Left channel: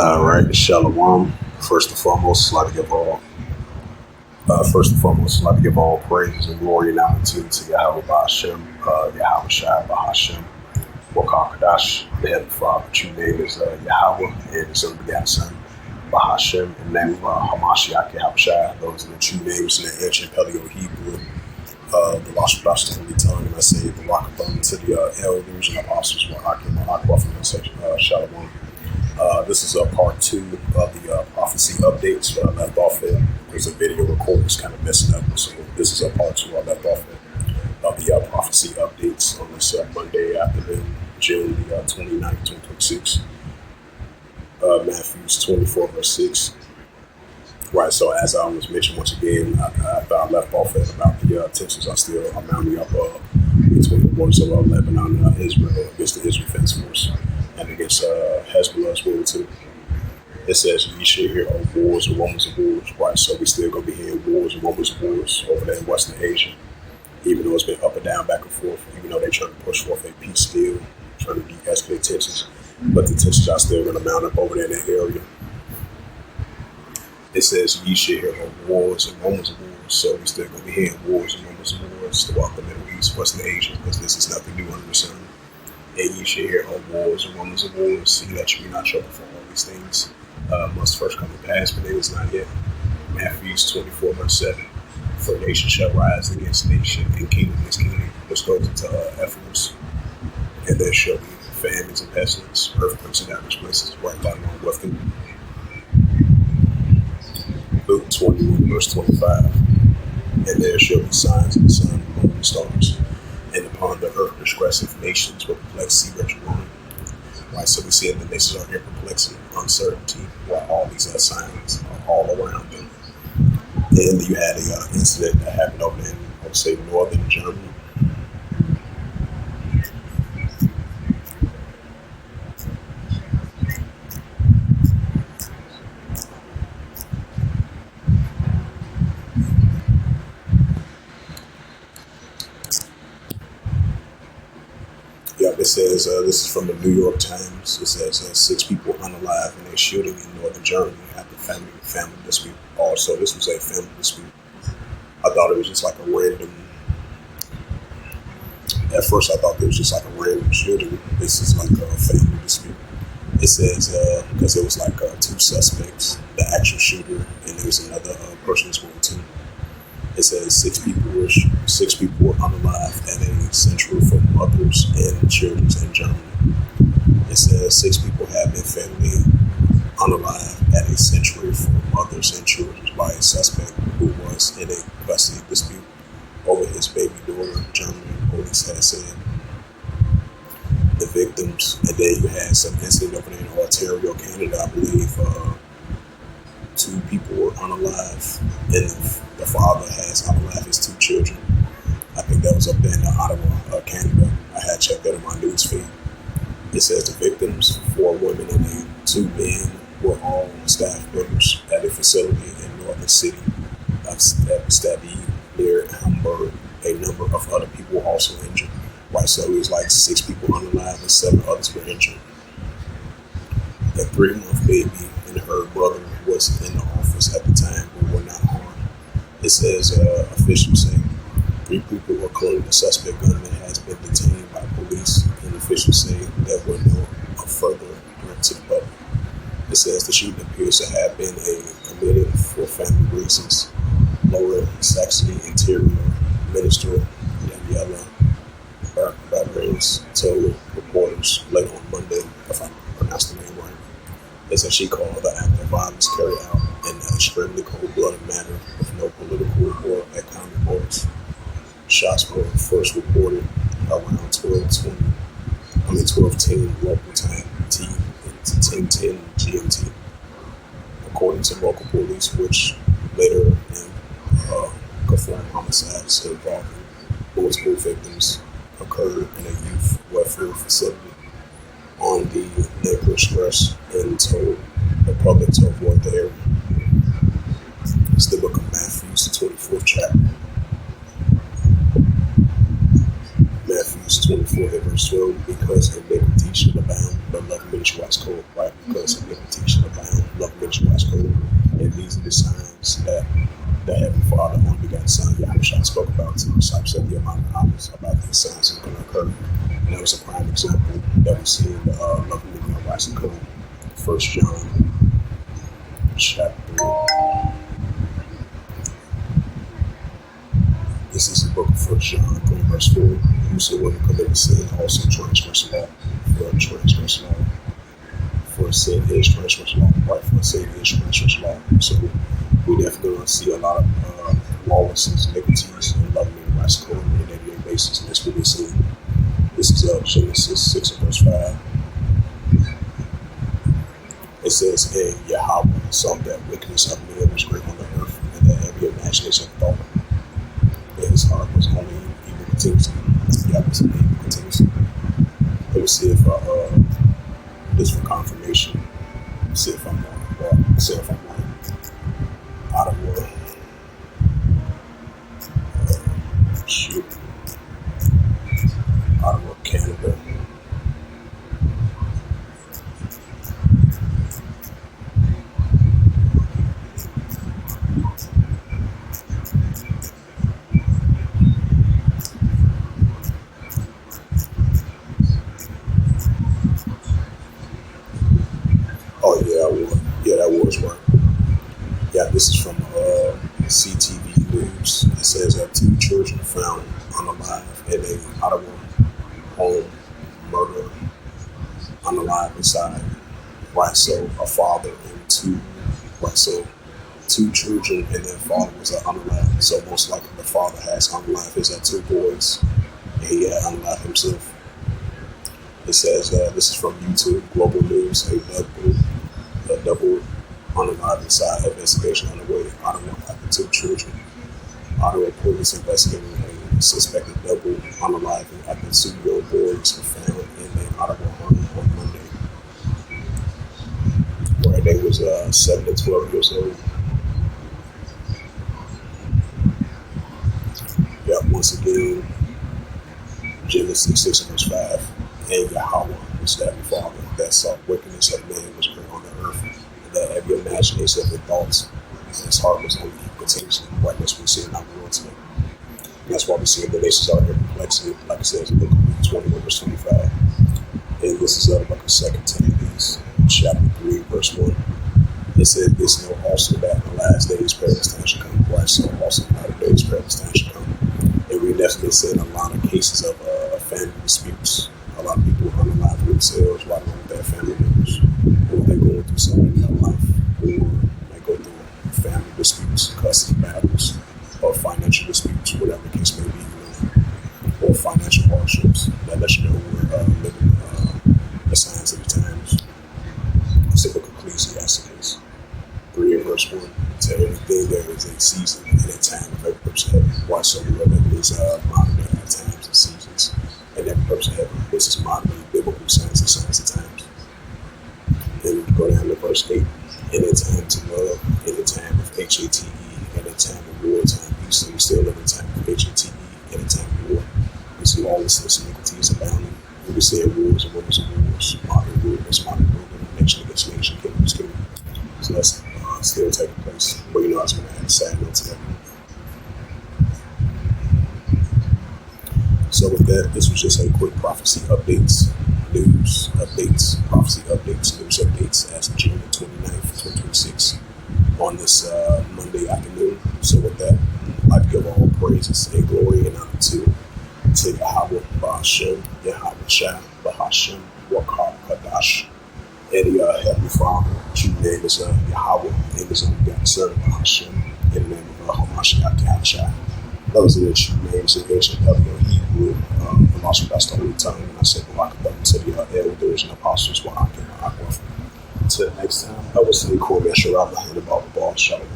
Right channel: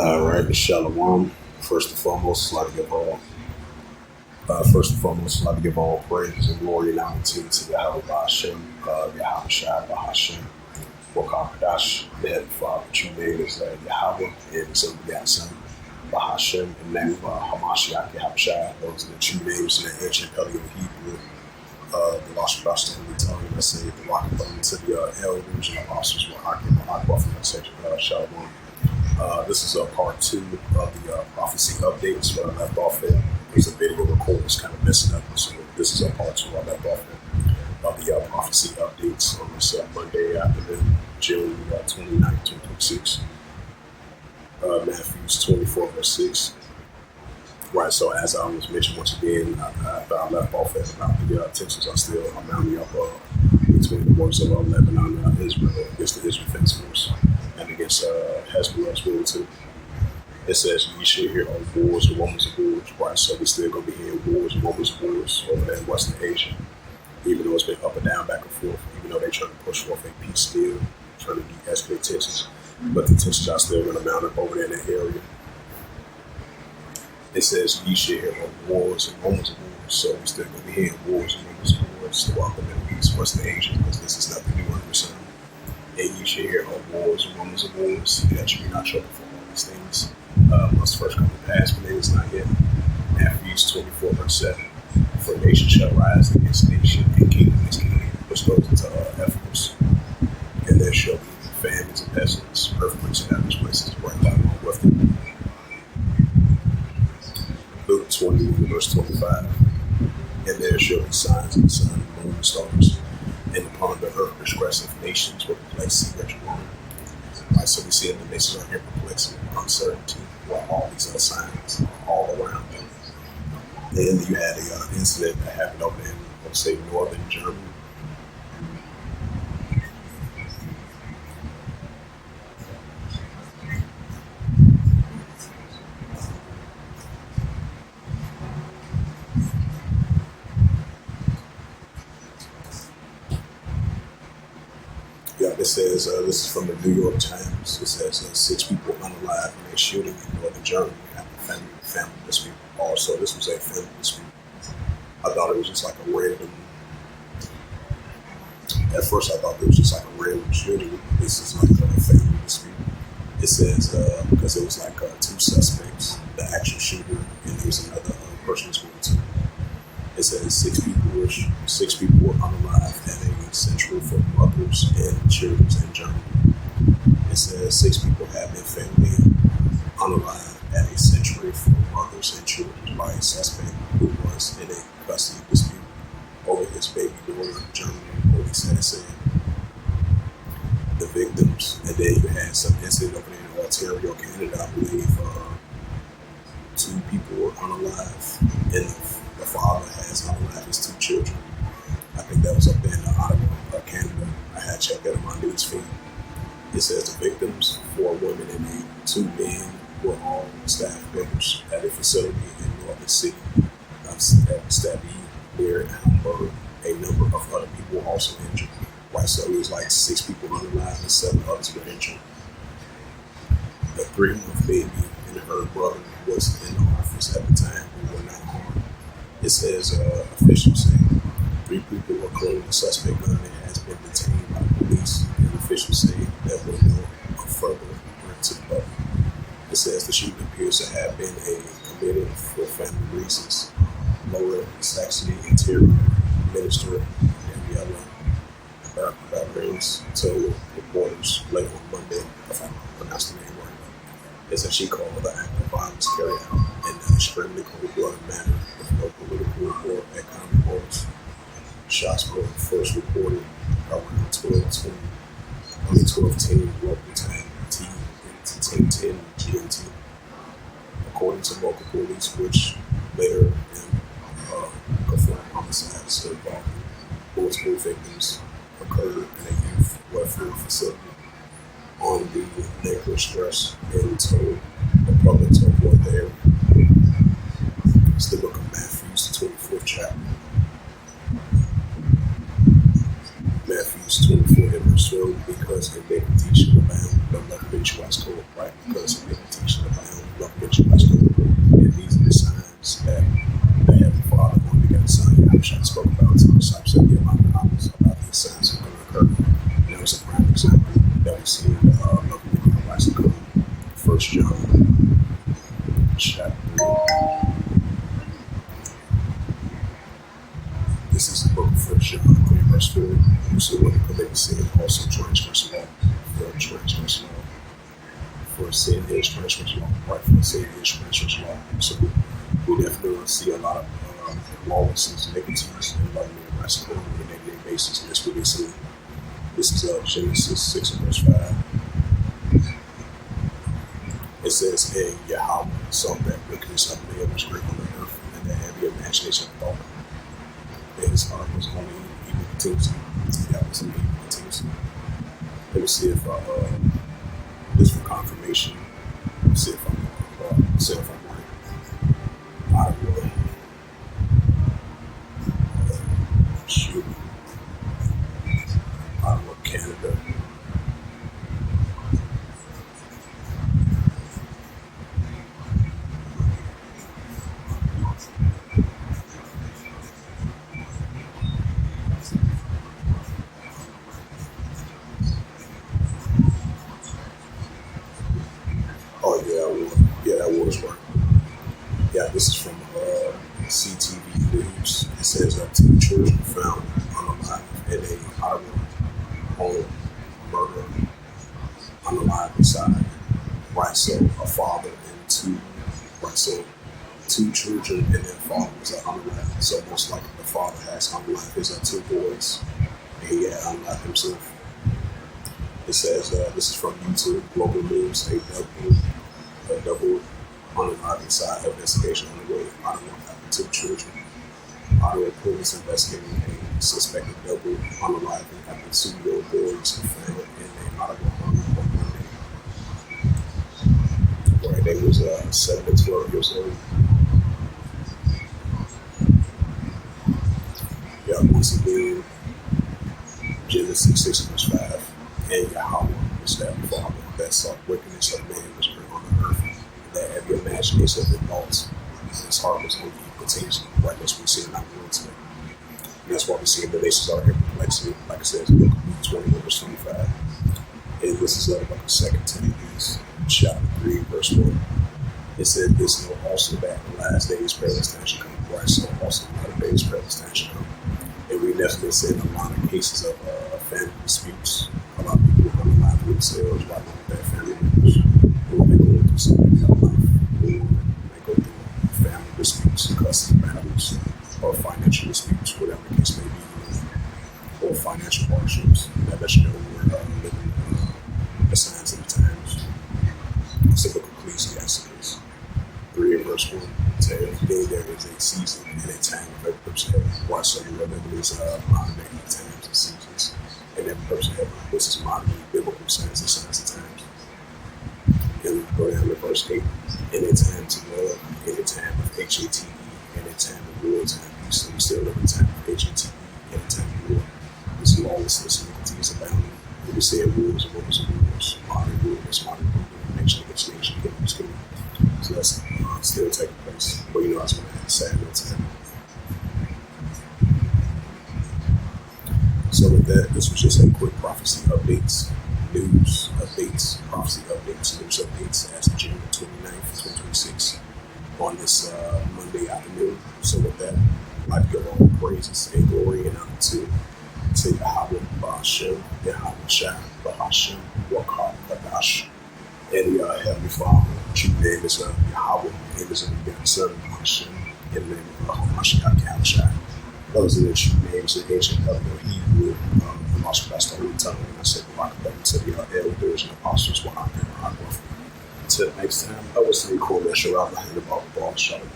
All right, Shalom. First and foremost, I'd like to give all praise and glory and honor to Yahweh Bahashem, Yahweh Shai Bahashem, Wakakadash, the Heavenly Father. True name is Yahweh, and His unbegotten Son, Bahashem, in the name of Hamashiach Yahweh Shai. Those are the true names in the ancient Paleo Hebrew, the Lost Gospel Holy Tongue, and I say the Wakathon to the elders and apostles, Wakakim, Wakwa from the section, Shalom. This is part two of the prophecy updates where I left off at. There's a video recording that's kind of messing up. So this is part two I left off at of the prophecy updates on this Monday afternoon, June 29th, 2026. Matthew 24, verse 6. Right, so as I was mentioned once again, I left off at about the tensions are mounting up between the waters of Lebanon and Israel against the Israel Defense Force and against Hezbollah as well too. It says you should hear of wars and rumors of wars, right? So we're still going to be hearing wars and rumors of wars over there in Western Asia, even though it's been up and down, back and forth, even though they're trying to push forth a peace deal, trying to de-escalate tensions, but the tensions are still going to mount up over there in that area. It says ye should hear of wars and rumors of wars, so we're still going to be hearing wars and rumors of wars throughout the Middle East, Western Asia, because this is nothing new under the sun. And ye should hear of wars and rumors of wars, that you be not troubled for all these things. Must first come to pass, but it is not yet. Matthew 24, verse 7. For nation shall rise against nation, and kingdom against kingdom, which goes into Ephesus. And there shall be famines and pestilence, earthquakes in various places, right down along with them. Luke 21, verse 25. And there shall be signs in the sun, moon, and stars, and upon the earth distressive nations will perplex, see wretched ruin. Right, so we see that the nations are in perplexity, uncertainty, while all these signs are all around them. Then you had an incident that happened over in, I would say, northern Germany. Yeah, this says, this is from the New York Times. It says 6 people unalive in a shooting in northern Germany after family dispute. Also, this was a family dispute. I thought it was just like a random. At first, I thought it was just like a random shooting. This is like a family dispute. It says because it was like 2 suspects, the actual shooter, and there was another person as well too. It says 6 people were unalive at a central for mothers and children in Germany. It says 6 people have been found unalive at a sanctuary for mothers and children by a suspect who was in a custody dispute over his baby daughter. German police had said the victims, and then you had some incident over there in Ontario, Canada, I believe. 2 people were unalive, and the father has unalive his 2 children. I think that was up in Ottawa, Canada. I had checked that on my news feed. It says the victims, 4 women and 2 men, were all staff members at a facility in Northern City of Stade near Hamburg. A number of other people were also injured. Right, so it was like 6 people unalive and 7 others were injured. The 3-month baby and her brother was in the office at the time who were not harmed. It says officials say 3 people were clearing the suspect gun that has been detained by police, and officials say there were no further threat to the public. It says the shooting appears to have been committed for family reasons. Lower Saxony Interior Minister Daniela Barbares told reporters late on Monday, if I pronounced the name right, is that she called the act of violence carried out in an extremely cold-blooded manner with no political or economic motives. Shots were first reported around 12:10 local time, 10:10 GMT, according to local police, which later confirmed homicides involving multiple victims occurred in a youth welfare facility on the neighborhood stress and told the public to avoid the area. It's the book of Matthew, the 24th chapter. Matthew Proverbs 24 and verse 12, because iniquity shall abound, but love and mercy wax cold, right? Because iniquity shall abound, love and mercy wax cold. And these are the signs that the Heavenly Father, only begotten Son, Yahushua, spoke about to the disciples at the amount of hours about these signs that are going to occur. And that was a prime example that we see in the love and mercy wax cold. 1 John chapter 3. This is the book of 1 John 3, verse 4. Whosoever commits sin also transgress the law. For transgress law. For sin is transgress law. Right? For sin is transgress law. So we definitely see a lot of lawlessness, iniquities, and loving and rights on a daily basis. And that's what we see. This is Genesis 6 and verse 5. It says, and Yahweh saw that wickedness of men was great on the earth, and that every imagination of thought. His heart was only evil continuously. Yeah, was evil continuously. Let me see if this for confirmation. See if I'm wrong. See if I'm right. Ottawa. Shoot. Ottawa, Canada. Oh yeah, that was right. Yeah, this is from CTV News. It says 2 children found unalive in a Ottawa home, murder, unalive inside. Right, so a father and 2. Right, so 2 children and their father was unalive. So most likely the father has unalive his 2 boys, and he had unalive himself. It says this is from YouTube Global News. A double unalive inside investigation underway. Ottawa after 2 children. Ottawa police investigating a suspected double unaliving after 2-year-old boys were found in an Ottawa home on Monday. Right, they was 7 to 12 years old. Yeah, once again, Genesis 6 verse 5. And Yahweh was that Father that saw wickedness of man was great on the earth, and that every imagination of the thoughts, his heart was only continuously. Right, that's what we see in our world today. And that's why we see the nations are in perplexity, like it says in Luke 21 verse 25. And this is the book of 2 Timothy, chapter 3, verse 1. It says, this know also that in the last days perilous times shall come. Right, so also in the latter days perilous times shall come. And we definitely see a lot of cases of family disputes. A lot of people who unalive themselves right along with their family members, or they're going through something in their life, or they go through family disputes, custody battles, or financial disputes, whatever the case may be, or financial hardships. That lets you know we're living the signs of the times. It's the book of Ecclesiastes 3 and verse 1. To everything there is a season and a time of every person. Why so we live in these modern day times and seasons. And every person having this is modern biblical science and science of times. And we go down to verse 8. In a time to love, in a time of HATE, in a time of war time. So we still live in a time of HATE, in a time of war. We see lawlessness and iniquities abounding. And we see wars and rumors of wars, modern wars, modern movement, nation against nation, kingdoms kingdom. So that's still taking place. But you know, I was going to add a sad note to that. So with that, this was just a quick prophecy updates, news updates, prophecy updates, news updates as of January 29th, 2026 on this Monday afternoon. So with that, I'd like to give all praises and glory and honor to Yahweh Ba'ashem, Yahweh Shah, Ba'ashem, Wakar Kadash, and the Heavenly Father. True name is Yahweh, and his only begotten Son, Ba'ashem, in the name of Hamashiach Yahushua. Those are the true names in ancient Hebrew, the Master Best Holy Tongue, and I say Barak to the elders and apostles, Wa'akim, Until next time, I will say, Kor Mesharab, and about the ball, Shalom.